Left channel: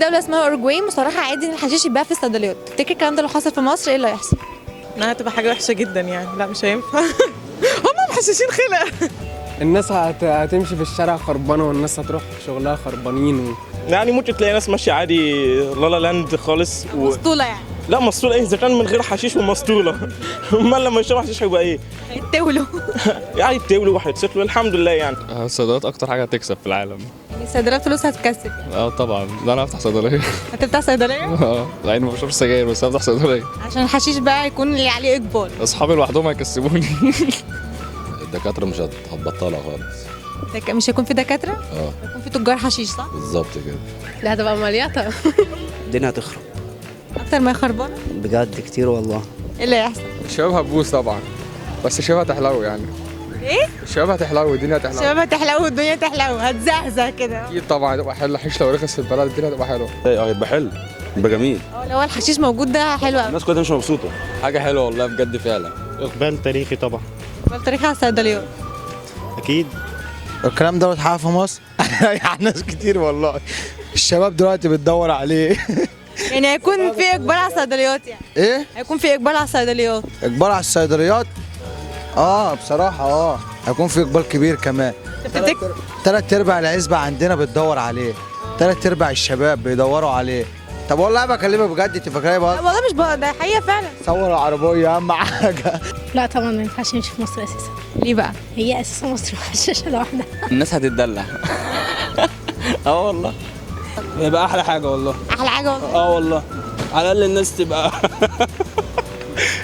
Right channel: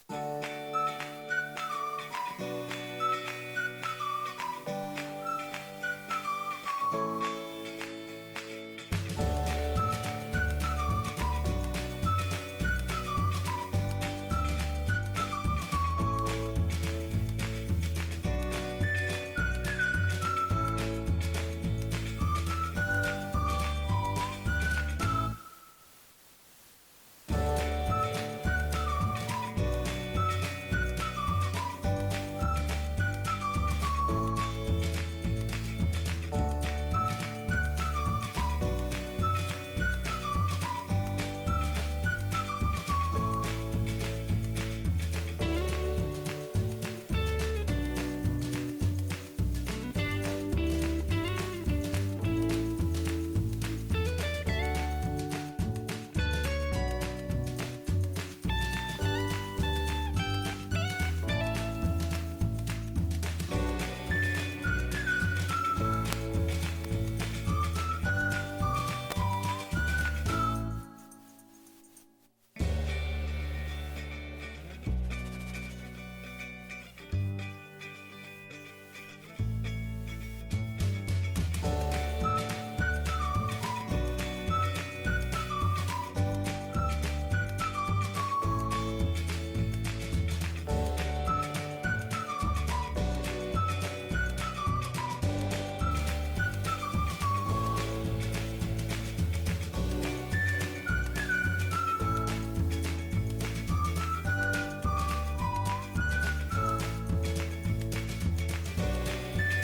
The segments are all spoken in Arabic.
دوله اسمها اوروجواي مصرحه عادي ان الحشيش يتباع في الصيدليات. تفتكر الكلام ده لو حصل في مصر ايه اللي هيحصل؟ انها هتبقى حاجه وحشه جدا يعني، لا مش هينفع. هم محششين خلق. الناس هتمشي في الشارع خربانه، والناس هتروح شغلها خربانين يعني ممكن تلاقي ناس ماشيه عادي لالا لاند خالص مسطوله يعني. لا مسطوله ايه اذا كان من غير حشيش ومسطوله. امال لما يشربوا حشيش هيبقى ايه؟ هيتولوا. يعني يتولوا وهيتسطلوا الحمد لله يعني. الصيدليات اكتر حاجه هتكسب في العالم. الصيدليات فلوس هتكسب. طبعا، ده انا افتح صيدليه. هتفتح صيدليه؟ مع اني ما بشربش سجاير بس هفتح صيدليه. عشان الحشيش بقى يكون اللي عليه اقبال. اصحابي لوحدهم هيكسبوني. الدكاترة مش هتبطلها خالص. مش هيكون في دكاتره؟ هيكون في تجار حشيش صح؟ بالظبط كده. لا هتبقى مليطة. الدنيا هتخرب اكتر ما خربانه؟ بجد كتير والله. ايه اللي هيحصل؟ الشباب هتبوظ طبعا، بس الشباب هتحلو يعني. ايه؟ الشباب هتحلو والدنيا هتحلو. الشباب هتحلو والدنيا تحلو، هتزهزه كده. اكيد طبعا هتبقى حلوه، الحشيش لو رخص في البلد الدنيا هتبقى حلوه. هيبقى حلو، يبقى جميل. لو هو الحشيش موجود ده حلو قوي. الناس كلها مش مبسوطة. حاجه حلوه والله بجد فعلا. اقبال تاريخي طبعا. التاريخ على الصيدليات. اكيد. الكلام ده اتحقق في مصر. يعني ناس كتير والله، الشباب دلوقتي بتدور عليه. يعني هيكون في اقبال على الصيدليات يعني. ايه؟ هيكون في اقبال على الصيدليات. اقبال على الصيدليات؟ بصراحة هيكون في اقبال كبير كمان. تفتكر؟ 3/4 العزبة عندنا بتدور عليه، 3/4 الشباب بيدوروا عليه. طب والله بكلمك بجد، انت فاكرها بقى؟ والله مش بقى، ده حقيقه فعلا. صور العربية اهم حاجة. لا طبعا ما ينفعش يمشي في مصر اساسا. ليه بقى؟ هي اساسا مصر محششه لوحدها. الناس هتتدلع. والله يبقى احلى حاجه والله. احلى حاجه والله. والله على الاقل الناس تبقى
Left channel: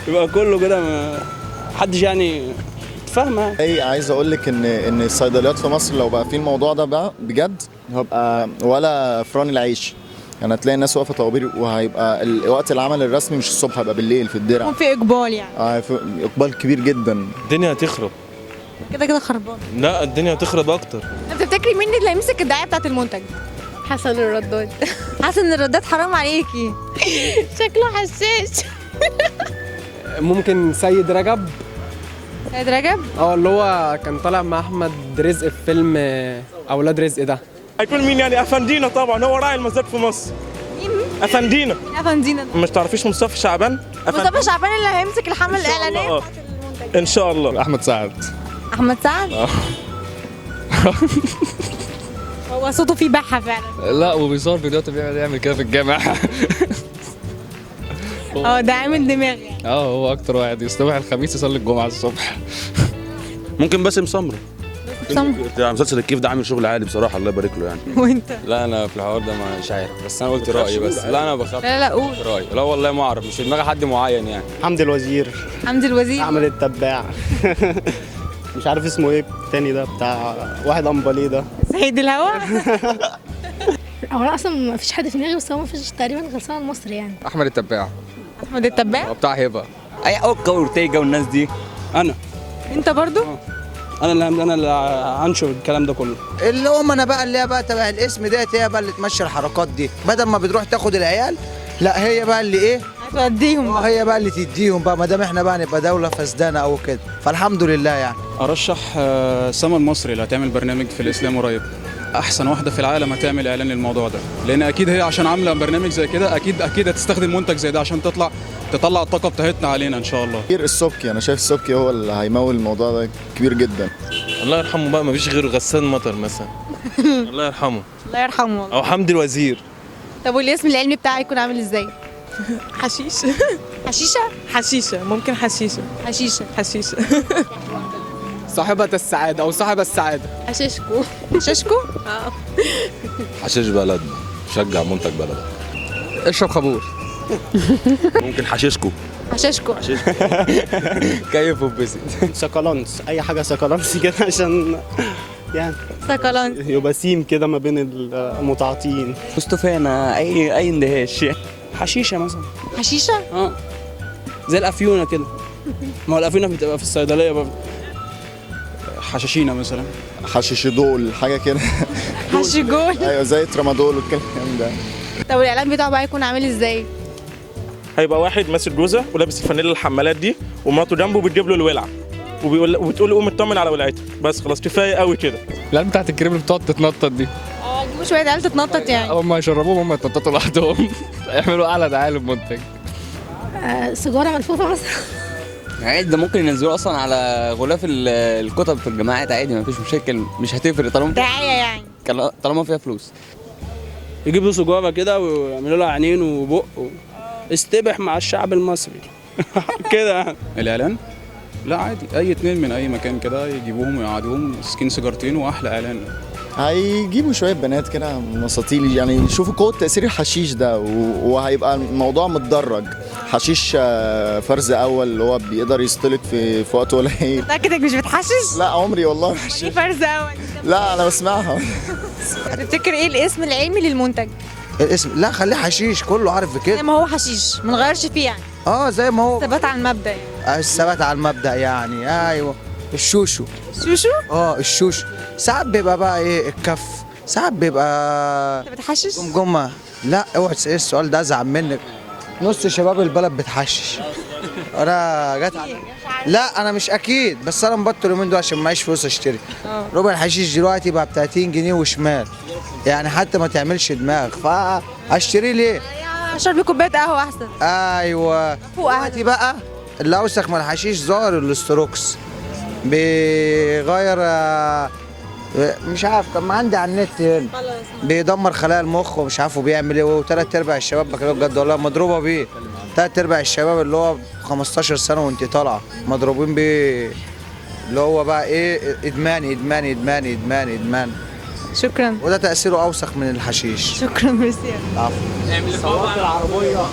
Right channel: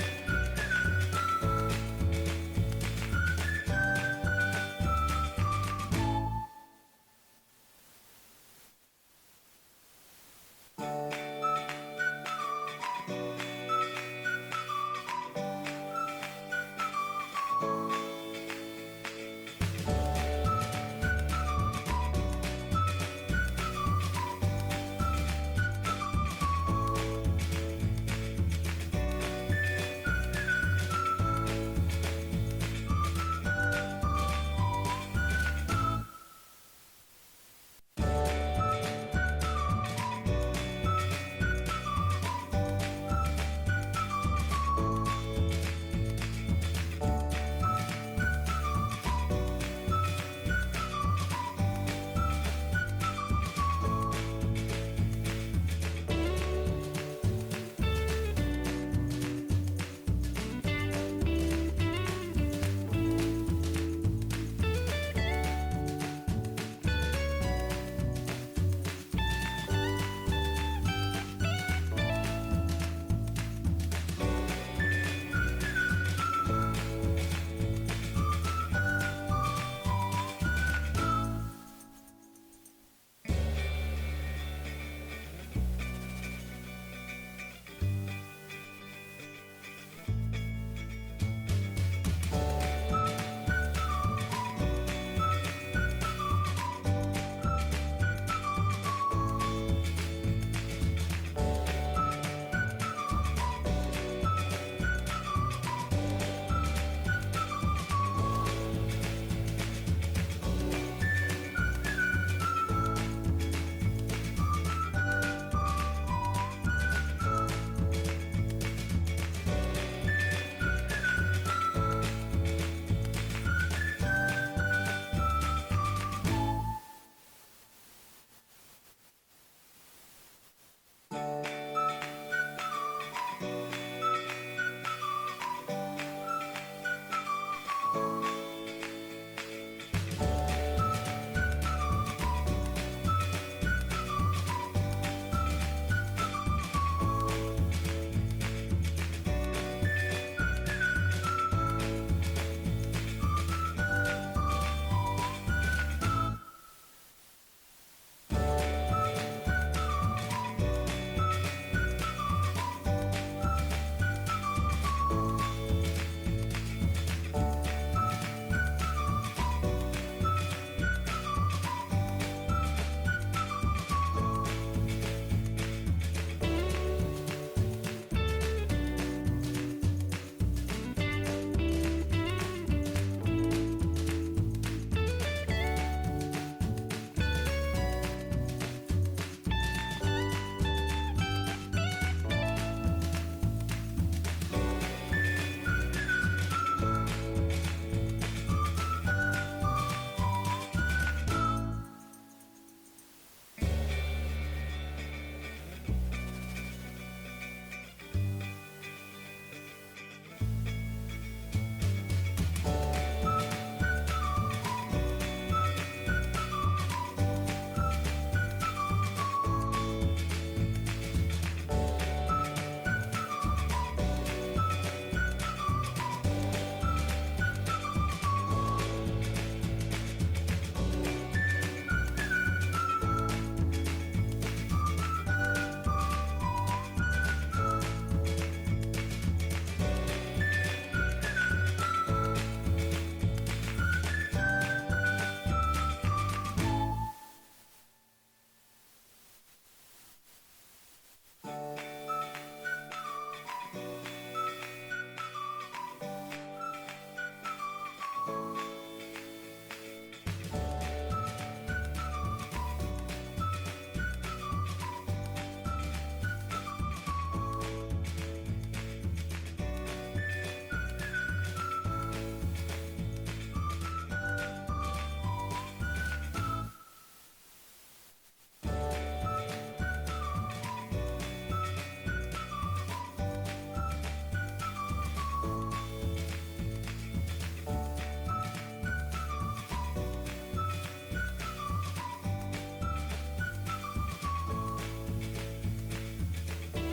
يبقى كله كده محدش يعني فاهمه. اي عايز اقول لك ان الصيدليات في مصر لو بقى في الموضوع ده بقى بجد هيبقى ولا فران العيش. يعني هتلاقي الناس واقفه طوابير، وهيبقى وقت العمل الرسمي مش الصبح، هيبقى بالليل في الدرع. يكون في اقبال يعني. اقبال كبير جدا. الدنيا هتخرب. كده كده خربان. لا الدنيا هتخرب اكتر. انت تفتكري مين اللي هيمسك الدعايه بتاعت المنتج؟ حسن الرداد. حاسه ان الرداد حرام عليكي. شكله حشاش. ممكن سيد رجب. سيد رجب؟ اللي هو كان طالع مع احمد رزق في فيلم اولاد رزق ده. هيكون مين يعني؟ افندينا طبعا، هو راعي المزاد في مصر. مين؟ افندينا. افندينا ده. مش تعرفيش مصطفى شعبان؟ مصطفى شعبان اللي هيمسك الحمل الاعلانيه. ان شاء الله. احمد سعد. احمد سعد؟ هو صوته فيه بحه فعلا. لا وبيصور فيديوهات بيعمل كده في الجامع. ده عامل دماغ يعني. هو اكتر واحد يصبح الخميس يصلي الجمعه الصبح. ممكن باسم سمرة. سمرة. مسلسل الكيف ده عامل شغل عالي بصراحة، الله يبارك له يعني. وانت؟ لا انا في الحوار ده مش عارف، بس انا قلت رايي بس. لا انا بخاف. لا قول. رايي لا والله ما اعرف، مش في دماغي حد معين يعني. حمدي الوزير. حمدي الوزير. احمد التباع. مش عارف اسمه ايه التاني ده بتاع واحد امباليه ده. سيد الهوا. هو انا اصلا ما فيش حد في دماغي، بس هو ما فيش تقريبا غير سامي المصري يعني. احمد التباع. احمد التباع. بتاع هبه. اي اوكا واورتيجا والناس دي. انا انت برضو؟ انا اللي هنشر الكلام ده كله. اللي هم انا بقى اللي هي بقى تبع الاسم ديت، هي بقى اللي تمشي الحركات دي، بدل ما بتروح تاخد العيال، لا هي بقى اللي ايه؟ هتوديهم. هي بقى اللي تديهم بقى، ما دام احنا بقى نبقى دوله فسدانه او كده، فالحمد لله يعني. ارشح سما المصري اللي هتعمل برنامج في الاسلام قريب. احسن واحده في العالم هتعمل اعلان للموضوع ده، لان اكيد هي عشان عامله برنامج زي كده اكيد هتستخدم منتج زي ده عشان تطلع الطاقه بتاعتنا علينا ان شاء الله. كبير السبكي، انا شايف السبكي هو اللي هيمول الموضوع ده كبير جدا. الله يرحمه بقى، ما فيش غيره غسان مطر مثلا. الله يرحمه. الله يرحمه والله. او حمدي الوزير. طب والاسم العلمي بتاعه يكون عامل ازاي؟ حشيش. حشيشه؟ حشيشه، ممكن حشيشه. حشيشه. صاحبة السعادة أو صاحب السعادة. حشيشكو. ششكو؟ حشيش بلد، شجع منتج بلد. اشرب خمور. ممكن حشيشكو. حشاشكو. كيف وبسط. سكالانس، اي حاجه سكالانس كده عشان يعني سكالانس. يبقى سيم كده ما بين المتعاطيين. مصطفانا اي اندهاش. حشيشه مثلا. حشيشه؟ زي الافيونه كده. ما هو الافيونه بتبقى في الصيدليه برضه. حشاشينا مثلا. حشيش دول حاجه كده. حشيجول. ايوه زي ترامادول والكلام ده. طب الاعلان بتاعه بقى يكون عامل ازاي؟ هيبقى واحد ماسك جوزه ولابس الفانيلا الحمالات دي، ومراته جنبه بتجيب له الولعه وبتقول له قوم اطمن على ولعتك. بس خلاص كفايه قوي كده. لا بتاعت الكريم اللي بتقعد تتنطط دي. دي شويه عيال تتنطط يعني. هم يشربوهم هم يتنططوا لوحدهم يعملوا اعلى دعايه للمنتج. سيجاره ملفوفه مثلا. عادي ده ممكن ينزلوه اصلا على غلاف الكتب في الجامعات عادي، ما فيش مشاكل، مش هتفرق دعايه يعني. طالما فيها فلوس. يجيبوا سجارة كده ويعملوا لها عينين وبق استبح مع الشعب المصري كده يعني. الاعلان لا عادي، اي اتنين من اي مكان كده يجيبوهم ويقعدوهم ماسكين سيجارتين واحلى اعلان. هيجيبوا شويه بنات كده مساطيل يعني يشوفوا قوه تاثير الحشيش ده وهيبقى الموضوع متدرج. حشيش فرز اول اللي هو بيقدر يستلك في وقت قليل. متاكد انك مش بتحشش؟ لا عمري والله ما ايه حشيت. فرز اول؟ لا انا بسمعها. تفتكر ايه الاسم العلمي للمنتج؟ الاسم لا خليه حشيش، كله عارف زي بكده. ما هو حشيش ما نغيرش فيه يعني. زي ما هو ثبات على المبدا يعني. الثبات على المبدأ يعني. ايوه الشوشو. شوشو؟ الشوشو ساعات بيبقى بقى ايه الكف، ساعات بيبقى انت بتحشش؟ جمجمه. لا اوعى تسأل السؤال ده ازعل منك. نص شباب البلد بتحشش. انا جت لا انا مش اكيد، بس انا مبطل اليومين دول عشان معيش فلوس اشتري. ربع الحشيش دلوقتي بقى ب 30 جنيه وشمال، يعني حتى ما تعملش دماغ، فاشتري ليه؟ اشرب لي كوبايه قهوه احسن. ايوه دلوقتي بقى اللي اوسخ من الحشيش ظاهر الاستروكس بيغير مش عارف، كان عندي على النت هنا بيدمر خلايا المخ ومش عارف بيعمل ايه، وثلاث ارباع الشباب بكلمك بجد والله مضروبه بيه. ثلاث ارباع الشباب اللي هو 15 سنه وانت طالعه مضروبين بيه، اللي هو بقى ايه ادمان ادمان ادمان ادمان ادمان. شكرا. وده تاثيره اوسخ من الحشيش. شكرا ميرسي. عفوا.